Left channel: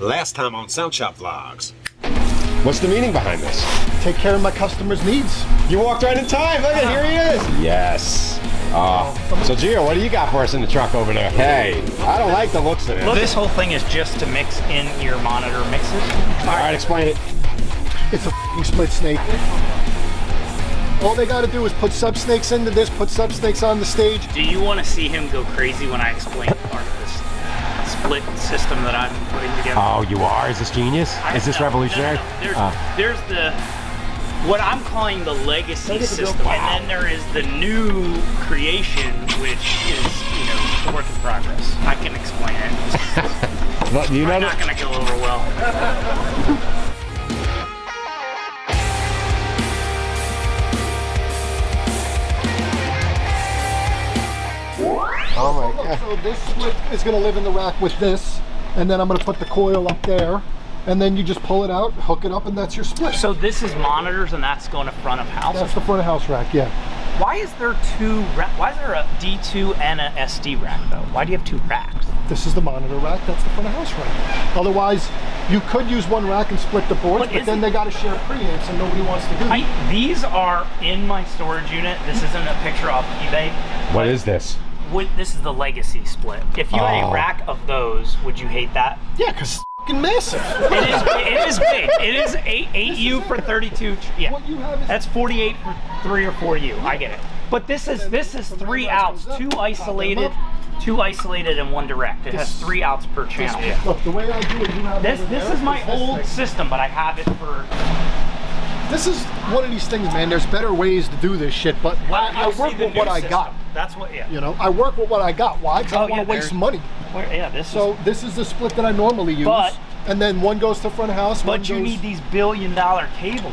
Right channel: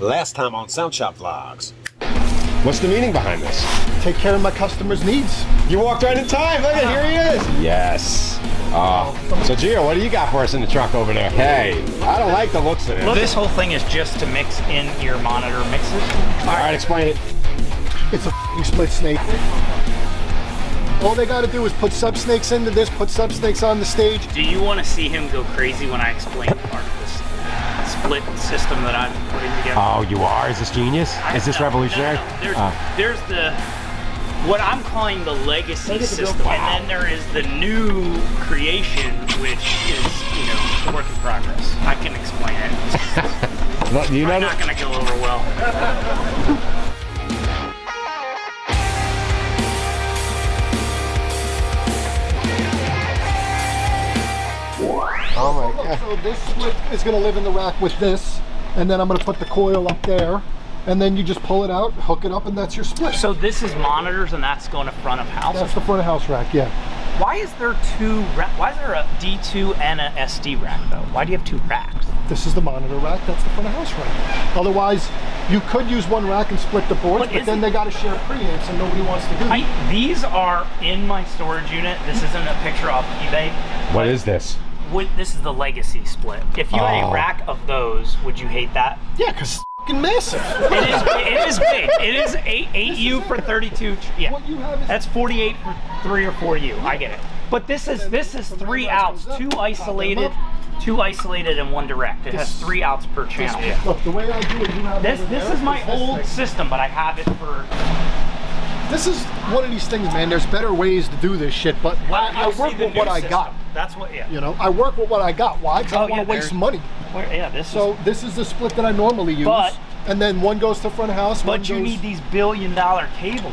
Last time on Sound Shop Vlogs. What's the meaning behind this? Take care of my customers' needs. You walked right in time. Look at, here he is. Yes. So Gio, what do you got for us in the truck over there? Hey, I don't like the looks of it. Look, this whole thing is just to mix in your monitor mixes. All right, explain it. It's a f***ing split snake. All they got to do is put Subsnakes into this, put Subsnakes on the stage. Do you want to see him go crazy when I explain part of this split system that I'm putting together? Oh, you are? Is this genius? Is this revolutionary? No. There's the, what I'm calling the legacy system, and then there is the new creation, which is, you know, a work in progress. I can explain it. Well, you know, I'm not going to go over well. oh my God. So this split is going to live in the rack with this, and then I'm going to put the coil up there, and then you just pull it out, hook it up, and that's your split. So this is monitors, and that's going to front of house? That's the front of house rack, yeah. Why is there why is there a D2 and a SD rack though? Why do you have two racks? This is the monitor rack, that's the front of house rack. Otherwise, you could use one rack and split the boards, but then they got to share preamps and nobody wants to do that. These are in my storage unit. This isn't a picture off eBay. What is this? This is the legacy split. If you had a rack of those, would you hate that? Yeah, because it's fucking massive. It is big. It is 8U for 32. Yeah, What you have is that's 48 for 3 or 4U. I get it. But this is 3 outs, two isolated and one direct. It has 3 outs per channel. Look, the way I do it, you have This is my old system, but I have it for. This is one of these things, man. There's better ways to do this shit, but I work with what I got. That's what, yeah. You know, I work with what I got. Why? Because I don't want to waste money. Yeah, this is the split that I normally use. And then one goes to front of house. But you need these billion-dollar cables.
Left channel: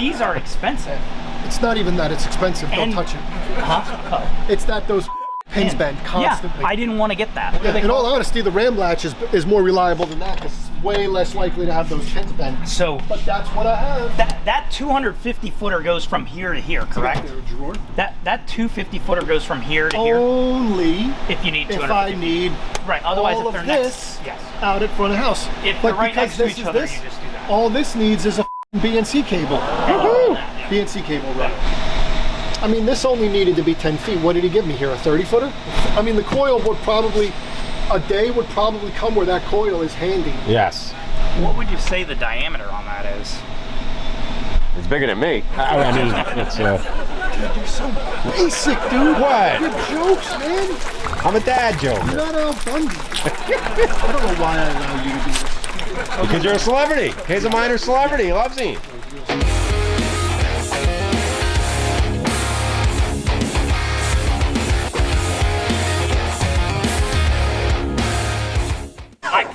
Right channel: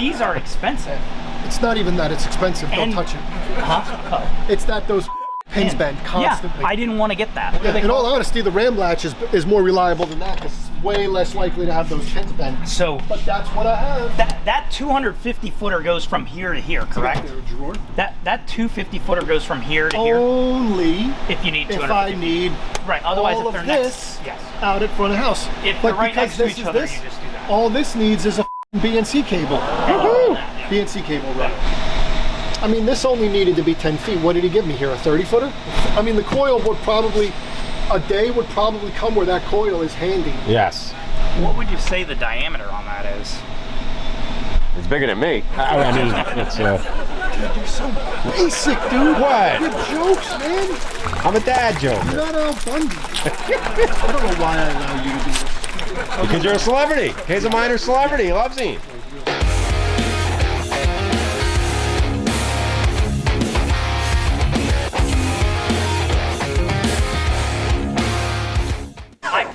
These are expensive. It's not even that it's expensive. Don't touch it. Huh? It's that those pins bend constantly. Yeah, I didn't want to get that. Yeah, in all honesty, the ram latch is more reliable than that because it's way less likely to have those pins bend. So, but that's what I have. That 250 footer goes from here to here, correct? That 250 footer goes from here to here. Only if you need 250. If I need Otherwise, all if they're of this out at front of house. If they're right next to each other, you just do that. All this needs is a BNC cable. BNC cable, right? I mean, this only needed to be 10 feet. What did he give me here, a 30 footer? I mean, the coil would probably, a day would probably come where that coil is handy. Yes. What would you say the diameter on that is? It's bigger than me. It's Dude, you're so basic, dude. What? Your jokes, man. I'm a dad joke. You're not Al Bundy. I don't know why I allow you to do this. Because you're a celebrity. He's a minor celebrity. He loves him.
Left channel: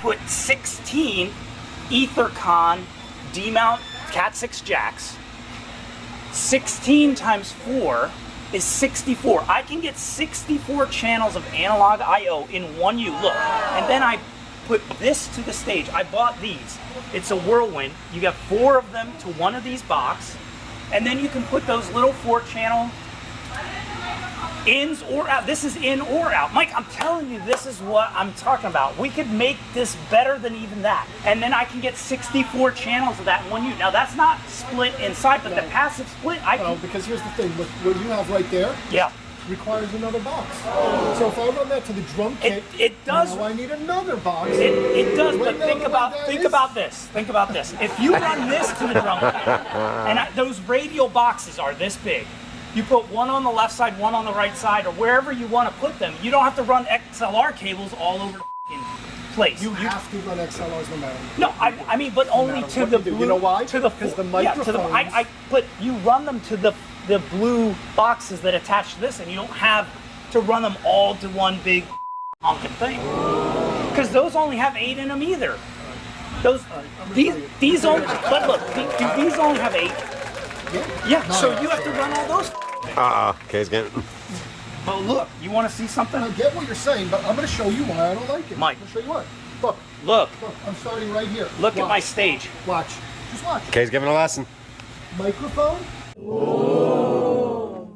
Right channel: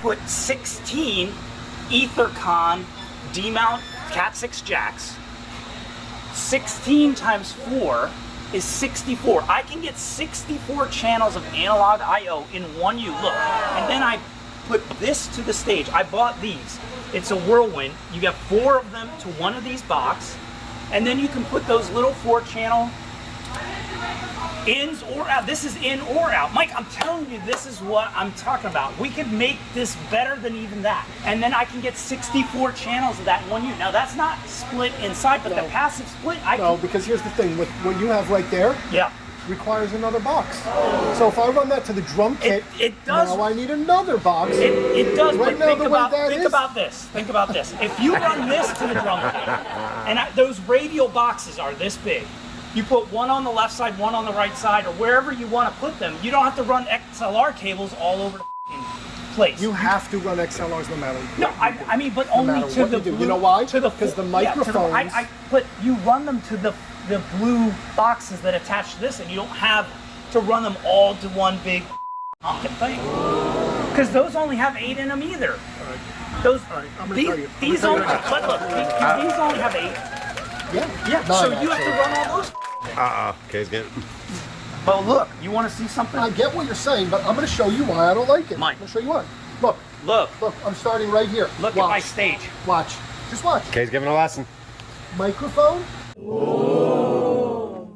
Put 16 Ethercon D-mount Cat6 jacks. 16 times 4 is 64. I can get 64 channels of analog I/O in one U. Look, and then I put this to the stage. I bought these. It's a whirlwind. You get 4 of them to one of these boxes, and then you can put those little 4-channel ins or out. This is in or out. Mike, I'm telling you, this is what I'm talking about. We could make this better than even that. And then I can get 64 channels of that in one unit. Now, that's not split inside, but the passive split, No, because here's the thing. With what you have right there, requires another box. So if I run that to the drum kit, it does. Now I need another box. It does, but think think about this. Think about this. If you run this to the drum kit, and those radial boxes are this big, you put one on the left side, one on the right side, or wherever you want to put them. You don't have to run XLR cables all over the place. You have to run XLRs no matter what. No, I mean, but only to the blue. You know why? To the because the microphones. but you run them to the blue boxes that attach to this, and you don't have to run them all to one big honking thing. Because those only have 8 in them either. All right. Those. All right, I'm gonna tell you. These only have 8. Yeah. So you have to run all those. Kay's getting. But look, you want to see something? I get what you're saying, but I'm going to show you why I don't like it. Mike. I'm going to show you why. Look, Look. I'm starting right here. Look at my stage. Watch. Just watch. Kay's giving a lesson. Microphone. Oh,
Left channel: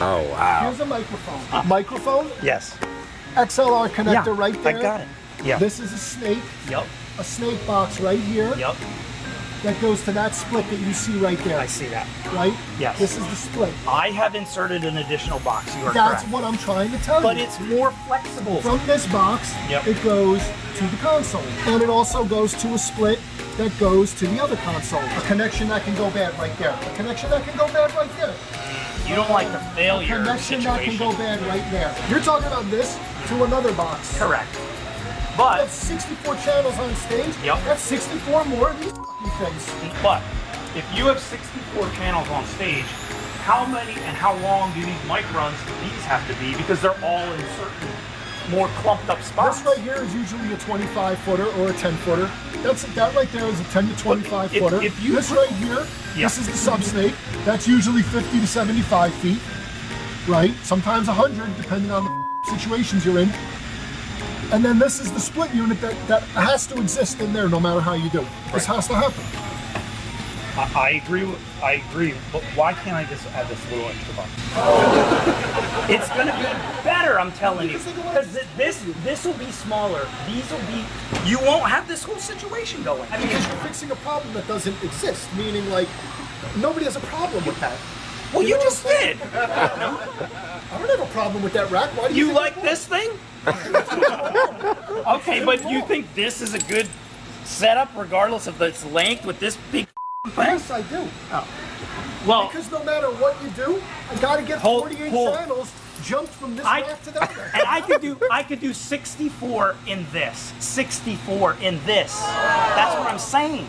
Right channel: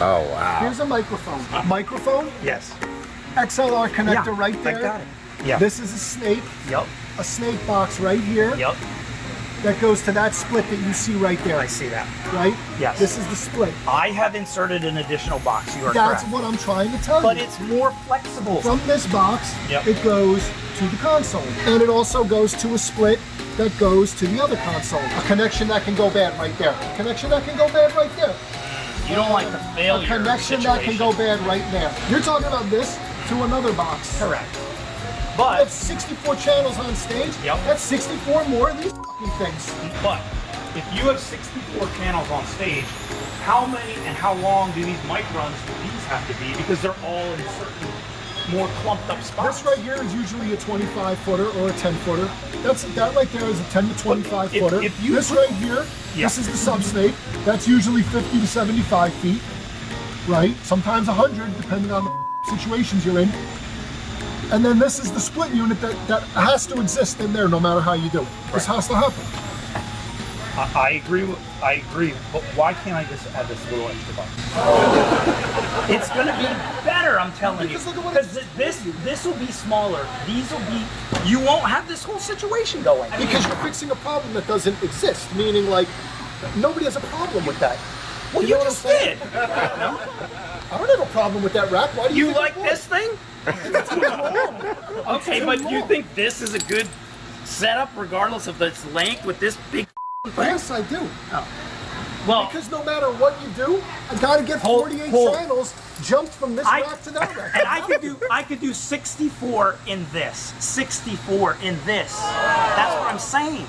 wow. Here's a microphone. Microphone. Yes. XLR connector right there. I got it. Yeah. This is a snake. Yep. A snake box right here. Yep. That goes to that split that you see right there. I see that. Right? Yes. This is the split. I have inserted an additional box. You are That's correct. what I'm trying to tell But you. it's more flexible. From this box, Yep. it goes to the console. And it also goes to a split that goes to the other console. A connection that can go bad right there. A connection that can go bad right there. You don't like the A failure connection situation. that can go bad right there. You're talking about this to another box. Correct. That's But 64 channels on stage. Yep. That's 64 more of these fucking things. if you have 64 channels on stage, how many and how long do these mic runs these have to be? Because they're all in certain more clumped up spots. This right here is usually a 25 footer or a 10 footer. That right there is a 10 to 25 If- footer. if you this put- right here, Yeah. this is the Subsnake. That's usually 50 to 75 feet, right? Sometimes 100, depending on the situations you're in. And then this is the split unit that has to exist in there no matter how you do it. This has to happen. I agree, but why can't I just add this little extra box? It's gonna be better, I'm telling Because you. look at what Because this will be smaller. These will be. You won't have this whole situation going. Because you're fixing a problem that doesn't exist, meaning like nobody has a problem with that. Well, you just did. I don't have a problem with that rack. Why do you You think like I would? this thing? Okay, But you think this is a good setup, regardless of its length, with this big thing? Yes, I do. Well, Because no matter what you do, I gotta get Hold- 48 hold. channels jumped from this I- rack to that rack. and I could do 64 in this, 64 in this. That's what I'm saying.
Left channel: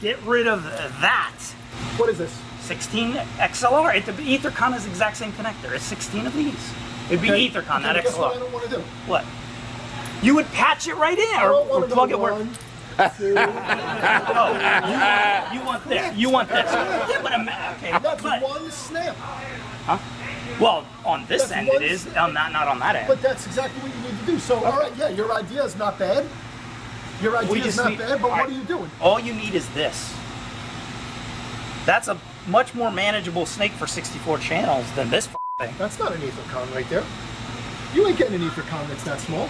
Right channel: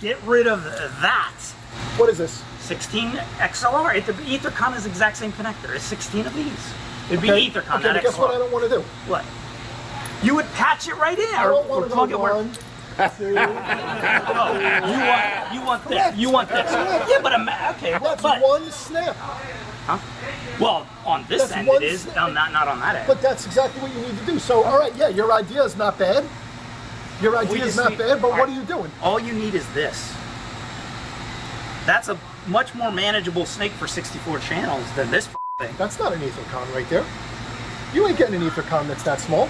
Get rid of that. What is this? 16 XLR. The Ethercon is the exact same connector. It's 16 of these. It'd be Okay, Ethercon, okay, not but guess what I XLR. don't want to do? What? You would patch it right in. I or- don't or want to plug it go where- one, two. You want this. You want this. Yeah, but okay. That's But one snap. well, on this That's end one it is. Not on that end. But that's exactly what you need to do. So, all right, yeah, your idea is not bad. Your idea is just not need- bad, but what alright. are you doing? All you need is this. That's a much more manageable snake for 64 channels than this thing. That's not an Ethercon right there. You ain't getting an Ethercon that's that small.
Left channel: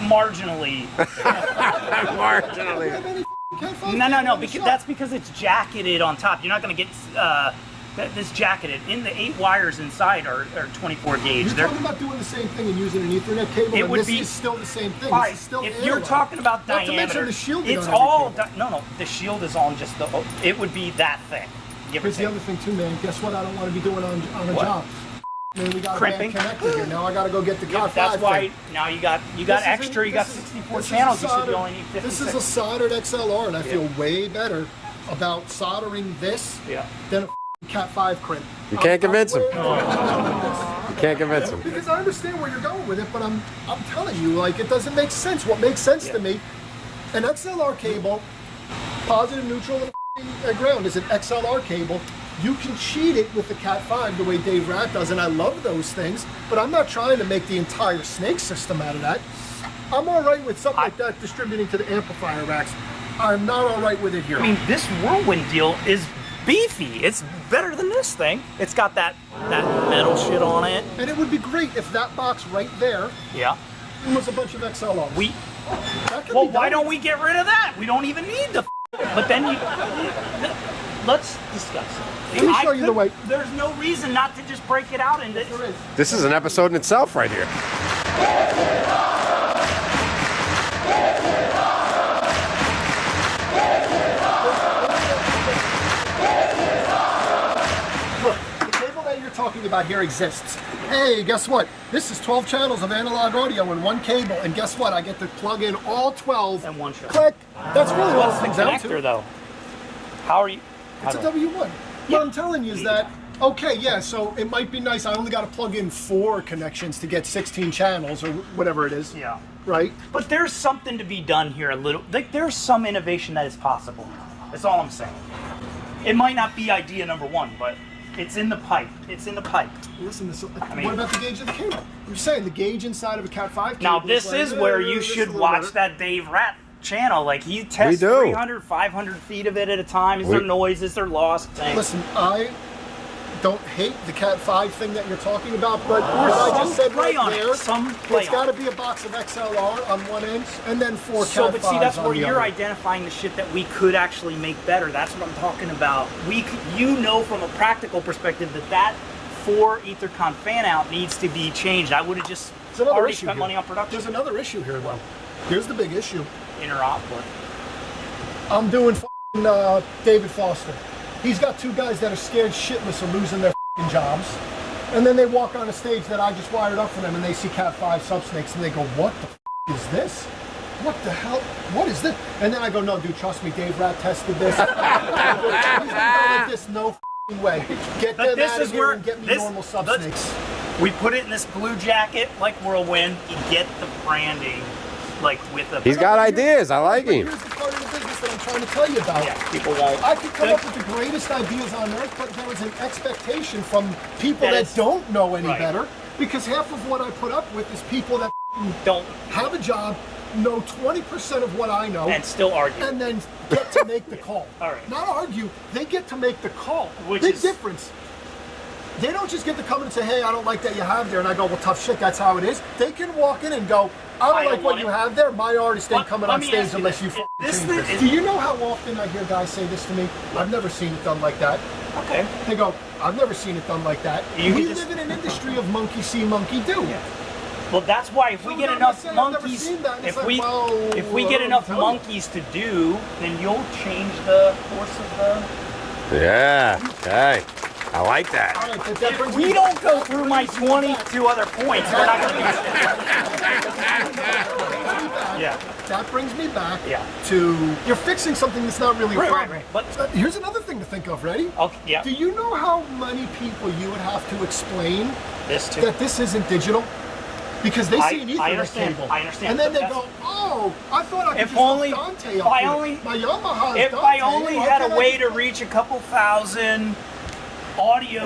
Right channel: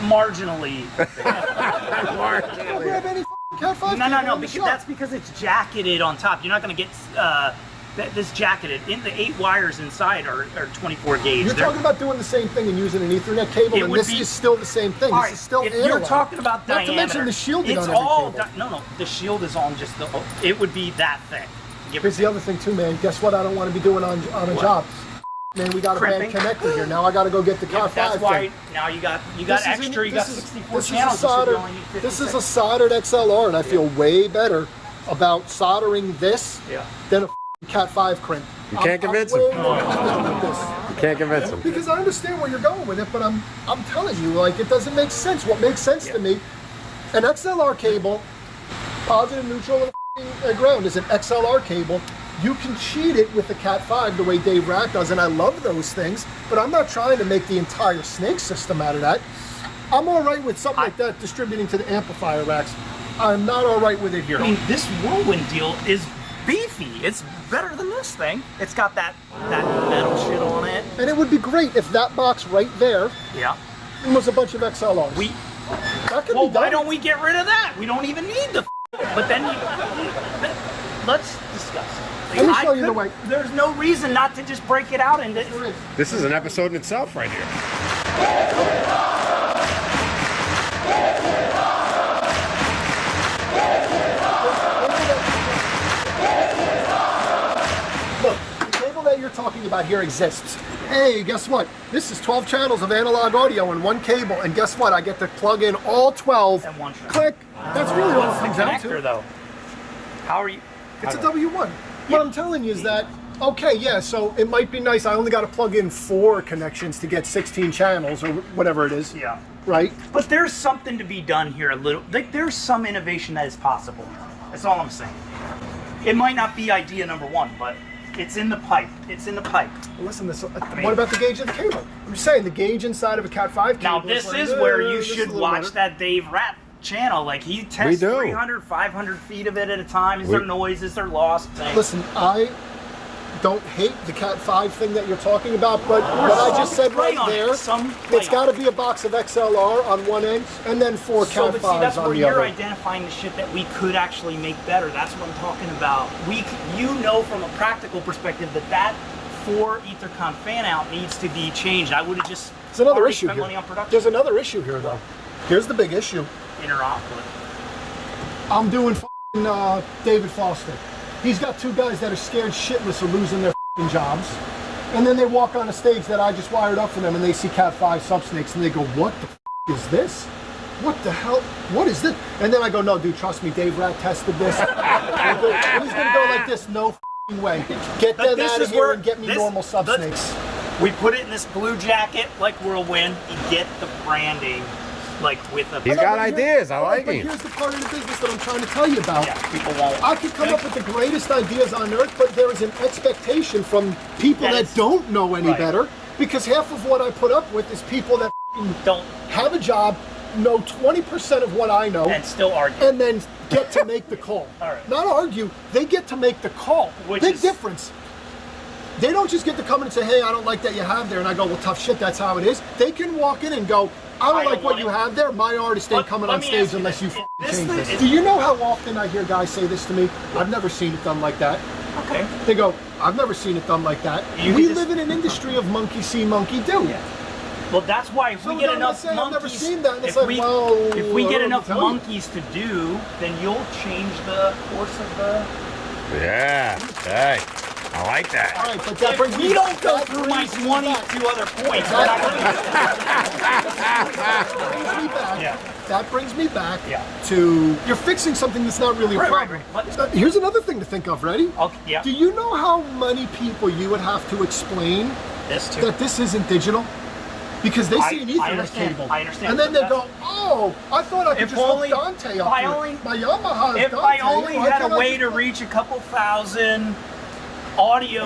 Marginally. You don't have any Cat5 No, cable in the because shop. that's because it's jacketed on top. You're not going to get this jacketed. In the 8 wires inside are 24 gauge. You're They're- talking about doing the same thing and using an Ethernet cable, It and would this be- is still the same thing. All This right, is still if analog. you're talking about Not to diameter, mention the shield it's on every all cable. no. The shield is on just the. It would be that thing. Give or Here's the take. other thing too, man. Guess what? I don't want to be doing on a What? job. Man, we got a Crimping? bad connector here. Now I got to go get the Yeah, Cat5 that's why thing. now you got This is extra. You got this is- 64 this is a channels. You should soldered- only need 56. This is a soldered XLR, and I feel way better about soldering this Yeah. than a Cat5 crimp. You can't convince him. You can't convince him. Because I understand where you're going with it, but I'm telling you, like, it doesn't make sense. What makes sense to me, an XLR cable, positive, neutral, and a ground is an XLR cable. You can cheat it with the Cat5 the way Dave Rack does, and I love those things, but I'm not trying to make the entire snake system out of that. I'm all right with something like that distributing to the amplifier racks. I'm not all right with it here. I mean, this Whirlwind deal is beefy. It's better than this thing. It's got that metal shit on it. And it would be great if that box right there Yeah. was a bunch of XLRs. That could Well, be done. why don't we get rid of that? We don't even need the. But then let's discuss. Let me show you the way. There's no reason not to just break it out into. There is. This is an episode in itself right here. Look, the cable that you're talking about here exists. Hey, guess what? This is 12 channels of analog audio in one cable, and guess what? I get to plug in all 12. In one channel. Click. That's really what it comes down Connector to. though. How are you? It's a W1. What I'm telling you is that, okay, yeah, so it might be nice. I only got to plug in 4 connections to get 16 channels or whatever it is. Yeah. Right? But there's something to be done here a little. Like there's some innovation that is possible. That's all I'm saying. It might not be idea number 1, but it's in the pipe. It's in the pipe. Listen, mean- what about the gauge of the cable? I'm just saying, the gauge inside of a Cat5 cable. Now this like, is where you this should is watch better. that Dave Rat channel. Like he We tests do. 300, 500 feet of it at a time. Is there noise? Is there loss? Listen, I don't hate the Cat5 thing that you're talking about, but I just said right there, it's got to be a box of XLR on one end and then 4 Cat5s on the other. But see, that's where you're identifying the shit that we could actually make better. That's what I'm talking about. You know, from a practical perspective, that 4 EtherCon fan out needs to be changed. I would have just already spent money on production. There's another issue here, though. Here's the big issue. Interoperable. I'm doing David Foster. He's got 2 guys that are scared shitless of losing their jobs. And then they walk on a stage that I just wired up for them and they see Cat5 Subsnakes and they go, what the is this? What the hell? What is this? And then I go, no, dude, trust me, Dave Rat tested this. He's gonna go like this, no way. Get that out of here and get me normal Subsnakes. We put it in this blue jacket like Whirlwind. You get the branding. Like with a He's got ideas. I like him. Here's the part of the business that I'm trying to tell you about. I could come up with the greatest ideas on earth, but there is an expectation from people that don't know any better, because half of what I put up with is people that don't have a job, know 20% of what I know, and still argue, and then get to make the call. All right. Not argue, they get to make the call. Big difference. They don't just get to come in and say, hey, I don't like that you have there, and I go, well, tough shit, that's how it is. They can walk in and go, I don't like what you have there. My artist ain't coming on stage unless you change this. Do you know how often I hear guys say this to me? I've never seen it done like that. Okay. They go, I've never seen it done like that. We live in an industry of monkey see, monkey do. Well, that's why if we get enough monkeys, if we get enough monkeys to do, then you'll change the course of the. Yeah. Okay. I like that. All right, but that brings we don't go through my 22 other points. That brings me back to you're fixing something that's not really a problem. But here's another thing to think of. Ready? Okay, yeah. Do you know how many people you would have to explain that this isn't digital? Because they see an Ethernet cable, and then they go, "Oh, I thought I could just hook Dante up to it. My Yamaha is Dante. If I only had a way to reach a couple thousand audio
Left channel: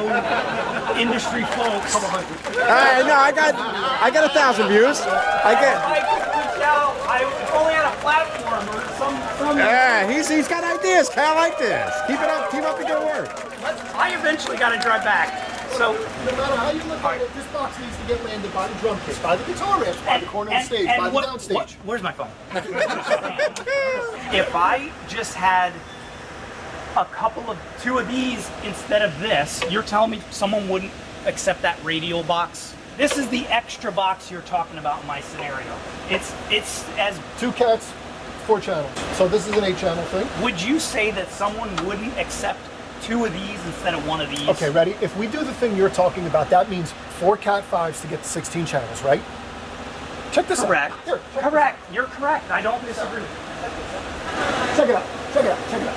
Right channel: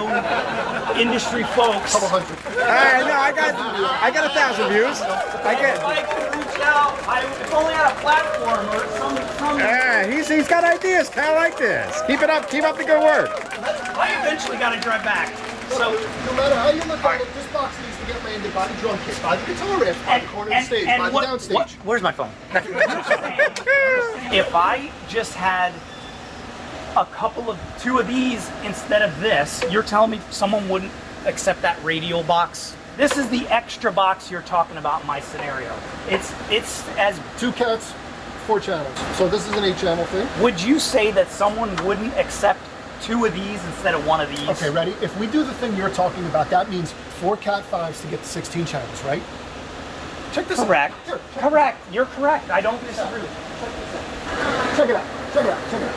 industry folks. I got 1,000 views. I only had a platform or some. Yeah, he's got ideas. I like this. Keep it up. Keep up the good work. I eventually got to drive back. So no matter how you look at it, this box needs to get landed by the drum kit, by the guitar riff, by the corner of the stage, by the downstage. Where's my phone? If I just had a couple of 2 of these instead of this, you're telling me someone wouldn't accept that radial box? This is the extra box you're talking about in my scenario. It's as 2 cats, 4 channels. So this is an 8-channel thing. Would you say that someone wouldn't accept 2 of these instead of 1 of these? Okay, ready? If we do the thing you're talking about, that means 4 Cat5s to get to 16 channels, right? Check this out. Here, correct. You're correct. I don't disagree. Check it out. Check it out. Check it out.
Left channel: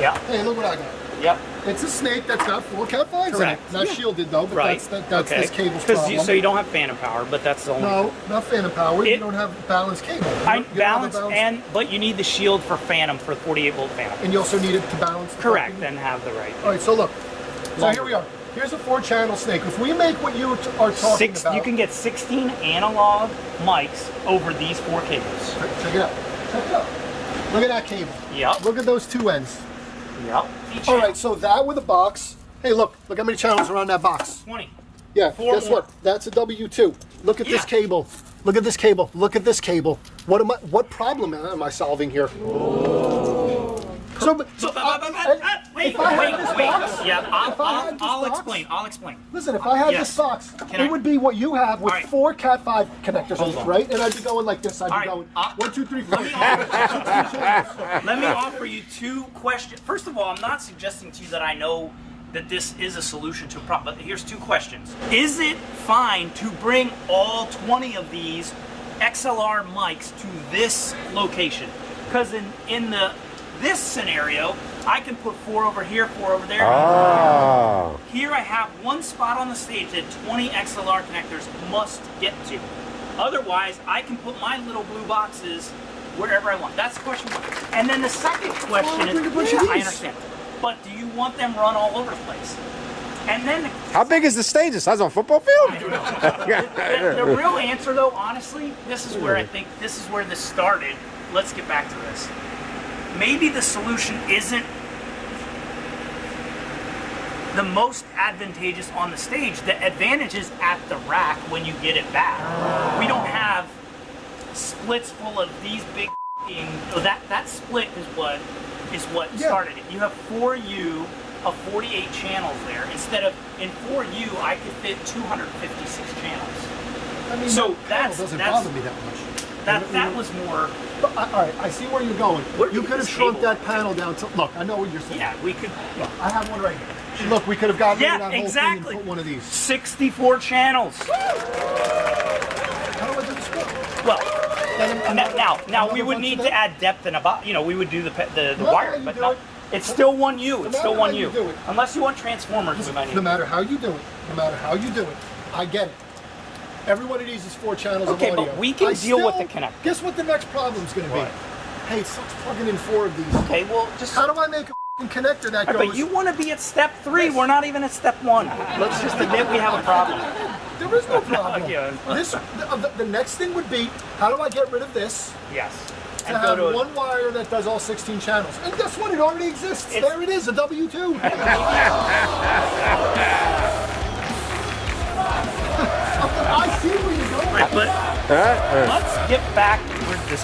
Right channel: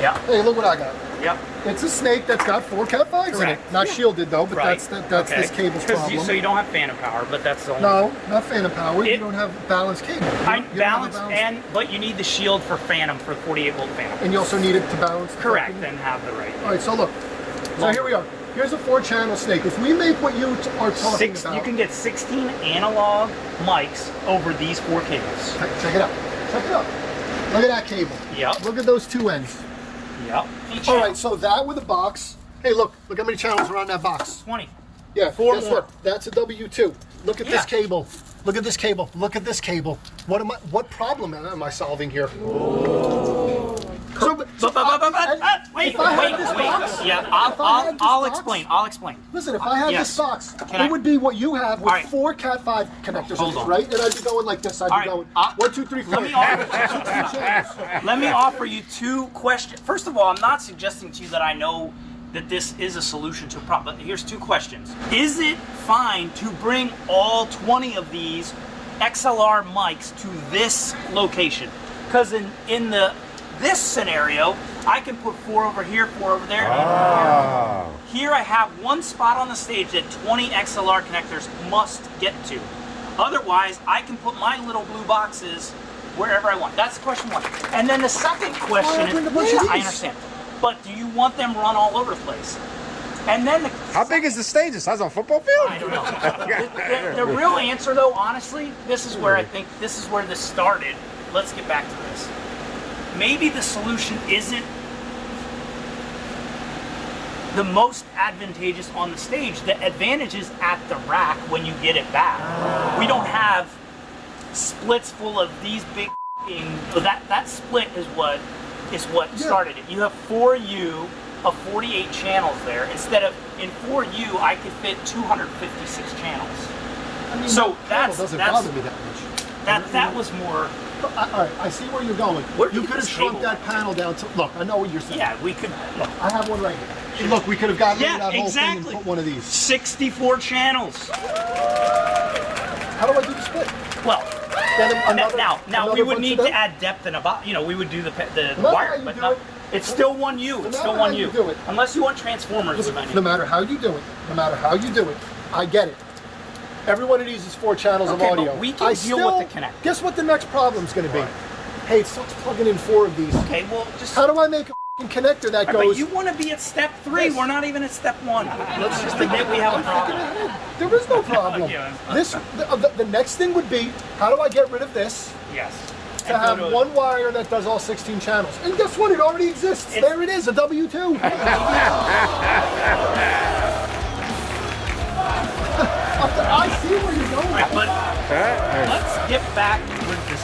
Yeah. Hey, look what I got. Yep. It's a snake that's got 4 Cat5s in it. Not shielded though, but that's this cable's problem. So you don't have phantom power, but that's the only no, not phantom power. You don't have balanced cable. But you need the shield for phantom for 48 volt phantom. And you also need it to balance. Correct, and have the right. All right, so look. So here we are. Here's a 4-channel snake. If we make what you are talking about, you can get 16 analog mics over these 4 cables. Check it out. Check it out. Look at that cable. Yeah. Look at those 2 ends. Yep. All right, so that with a box. Hey, look how many channels are on that box. 20. Yeah, 4 guess more. what? That's a W2. Look at this cable. Look at this cable. Look at this cable. What problem am I solving here? So, wait. Yeah, I'll explain. Listen, if I had this box, it would be what you have with 4 Cat5 connectors in it, right? And I'd be going like this. I'd be going 1, 2, 3, 4. Let me offer you 2 questions. First of all, I'm not suggesting to you that I know that this is a solution to a problem, but here's 2 questions. Is it fine to bring all 20 of these XLR mics to this location? Because in this scenario, I can put 4 over here, 4 over there. Oh. Here I have 1 spot on the stage that 20 XLR connectors must get to. Otherwise, I can put my little blue boxes wherever I want. That's question 1. And then the second question bring a bunch of these. I understand. But do you want them run all over the place? And then how big is the stage? The size of a football field? The real answer, though, honestly, this is where I think this started. Let's get back to this. Maybe the solution isn't the most advantageous on the stage. The advantage is at the rack when you get it back. We don't have splits full of these big that split is what started it. You have 4U of 48 channels there. Instead of in 4U, I could fit 256 channels. I mean, so that doesn't bother me that much. That was more. All right, I see where you're going. You could have shrunk that panel down to. Look, I know what you're saying. Yeah, we could. Look, I have one right here. Look, we could have gotten rid of that whole thing and put one of these. 64 channels. How do I do the split? Well, now we would need to add depth and about. We would do the wire, but not. It's still 1U. It's still 1U. Do it. Unless you want transformers. Listen, no matter how you do it, I get it. Every one of these is 4 channels of audio. But we can deal with the connector. Guess what the next problem's going to be? Hey, it sucks plugging in 4 of these. Okay, well, just. How do I make a connector that goes? But you want to be at step 3. We're not even at step 1. Let's just admit we have a problem. There is no problem. The next thing would be, how do I get rid of this? Yes. To have one wire that does all 16 channels. And guess what? It already exists. There it is, a W2. I see where you're going. Right, but let's get back to this.